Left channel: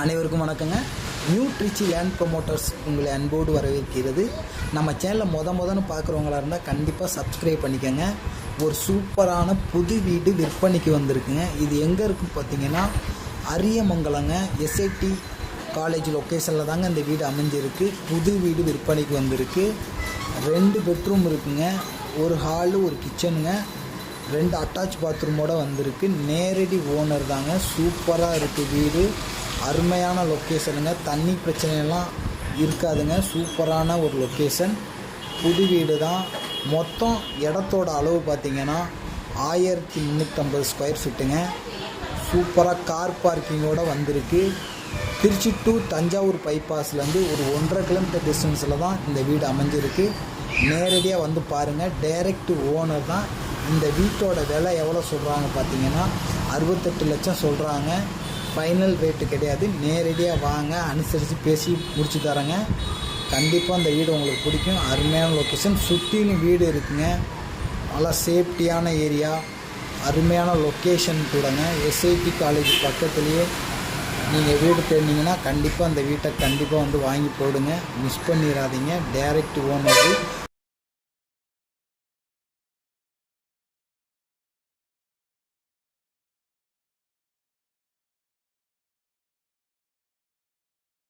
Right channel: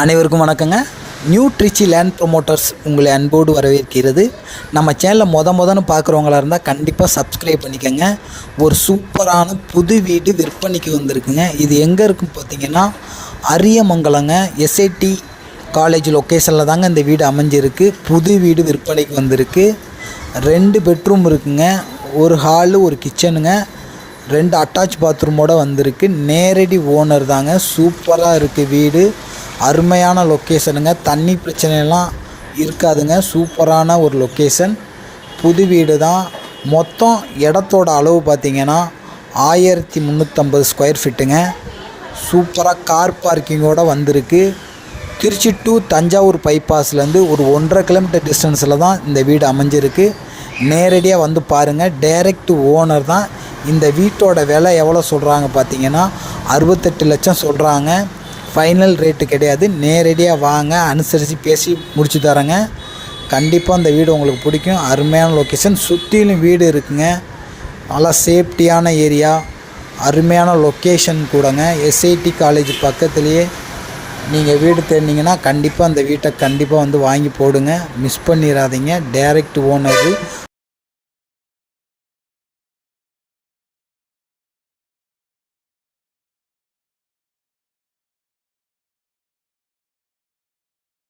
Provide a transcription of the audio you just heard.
அனைவருக்கும் வணக்கங்க. New Trichy land promoters உங்களை அன்போடு வரவேற்கிறது. நம்ம சேனலை மொத மொதன்னு பார்க்குறவங்களா இருந்தால் கண்டிப்பாக சப்ஸ்கிரைப் பண்ணிக்கோங்க. ஒரு சூப்பரான புது வீடு விற்பனைக்கு வந்திருக்குங்க. இது எங்கே இருக்கும் பார்த்தீங்கன்னா அரியமங்கலங்க எஸ்ஐடி காலேஜ் லொக்கேஷனில் தாங்க இந்த வீடு அமைஞ்சிருக்கு. புது வீடு விற்பனைக்கு வந்திருக்கு. ரெண்டு பெட்ரூம் இருக்குங்க. ஒரு ஹாலு ஒரு கிச்சனுங்க ரெண்டு அட்டாச் பாத்ரூமோடு வந்திருக்கு. நேரடி ஓனர் தாங்க. சூப்பராக இருக்குது வீடு. அருமையான லொக்கேஷனுங்க தண்ணி பிரச்சனைலாம் இருக்காதுங்க. சூப்பரான ஒரு லொக்கேஷன் புது வீடு தான் மொத்தம் இடத்தோட அளவு பார்த்திங்கன்னா ஆயிரத்தி முந்நூற்றம்பது ஸ்கொயர் ஃபீட்டுங்க சூப்பராக கார் பார்க்கிங்கோட வந்திருக்கு. திருச்சி டு தஞ்சாவூர் பைபாஸ்லேருந்து ஒரு ஒன்றரை கிலோமீட்டர் டிஸ்டன்ஸில் தான் இந்த வீடு அமைஞ்சிருக்கு. நேரடியாக வந்து பாருங்கள் டைரக்ட் ஓனர் தான். இந்த வீட்டோட விலை எவ்வளோ சொல்கிறாங்க பார்த்தீங்கன்னா அறுபத்தெட்டு லட்சம் சொல்கிறாங்க ஃபைனல் ரேட்டு கிடையாது. நேரடியாக வாங்க அனுசரித்து பேசி முடிச்சு தரேங்க. கண்டிப்பாக அந்த வீடு உங்களுக்கு பிடிக்கும். அருமையான லொக்கேஷன் சுற்றிலும் வீடு இருக்குங்க. நல்லா சேஃப்டியான ஏரியா அருமையான லொக்கேஷன் கூடங்க. எஸ்ஐடி காலேஜ் பக்கத்துலேயே நீங்கள் வீடு தேடினீங்கன்னா கண்டிப்பாக அந்த வீட்டை கண்டிப்பாக வந்து வாங்கி போடுங்க. மிஸ் பண்ணிடாதீங்க. Direct owner